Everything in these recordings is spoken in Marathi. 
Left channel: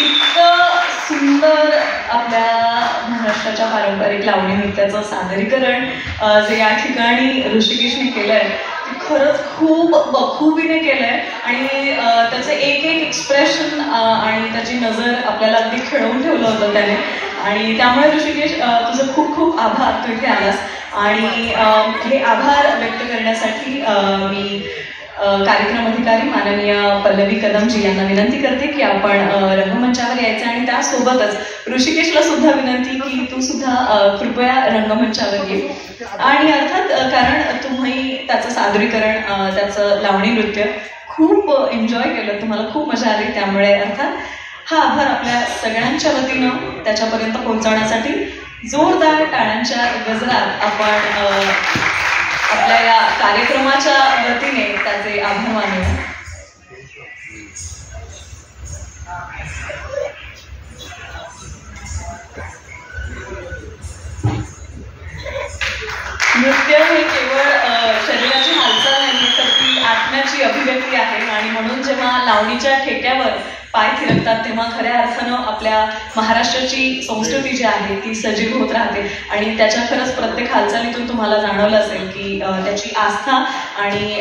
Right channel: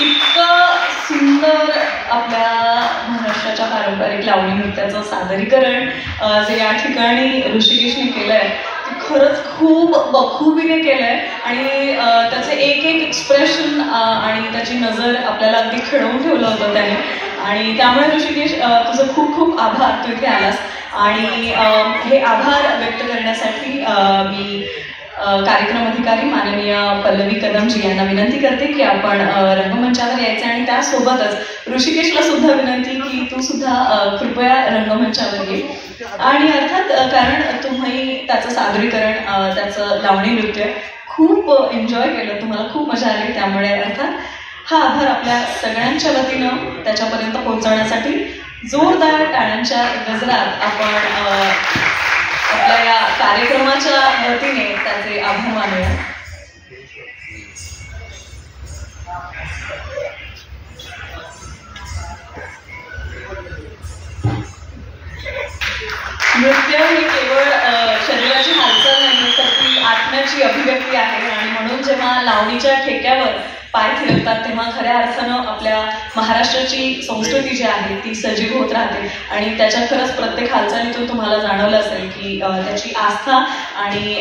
इतकं सुंदर आपल्या महाराष्ट्राच्या पारंपरिक लावणी नृत्याचं सादरीकरण जे या ठिकाणी ऋषिकेशने केलंय ते खरंच खूप बखुबीने केलंय आणि त्याचे एक एक एक्सप्रेशन आणि त्याची नजर आपल्याला अगदी खिळवून ठेवलं होतं त्याने आणि त्यामुळे ऋषिकेश तुझं खूप खूप आभार तू इथे आलास आणि हे आभार व्यक्त करण्यासाठी मी कार्यक्रम अधिकारी माननीय पल्लवी कदमजी यांना विनंती करते की आपण रंगमंचावर यायचं आणि त्यासोबतच ऋषिकेशला सुद्धा विनंती की तू सुद्धा कृपया रंगमंचावर ये आणि अर्थात कारण तुम्ही त्याचं सादरीकरण त्याचं लावणी नृत्य खूप एन्जॉय केलं, तुम्हाला खूप मजा आली, त्यामुळे अर्थात हा आभार आपल्या सगळ्यांच्या वतीनं त्याच्यापर्यंत पोहोचवण्यासाठी जोरदार टाळ्यांच्या गजरात आपण आपल्या या कार्यक्रमाच्या वतीने त्याचे आभार मानूया. नृत्य हे केवळ शरीराची हालचाल नाही तर ती आत्म्याची अभिव्यक्ती आहे आणि म्हणून जेव्हा लावणीच्या ठेक्यावर पाय थिरकतात तेव्हा खऱ्या अर्थानं आपल्या महाराष्ट्राची संस्कृती जी आहे ती सजीव होत राहते आणि त्याच्या खरंच प्रत्येक हालचालीतून तुम्हाला जाणवलं असेल की त्याची आस्था आणि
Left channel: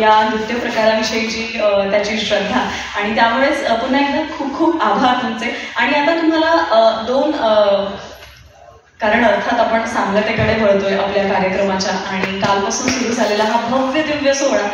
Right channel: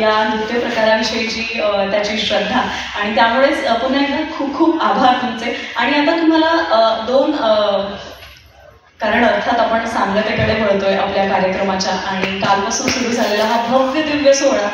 या नृत्य प्रकारांविषयीची त्याची श्रद्धा आणि त्यामुळेच पुन्हा एकदा खूप खूप आभार तुमचे. आणि आता तुम्हाला दोन कारण अर्थात आपण सांगतेकडे वळतोय आपल्या कार्यक्रमाच्या आणि कालपासून सुरू झालेला हा भव्य दिव्य सोहळा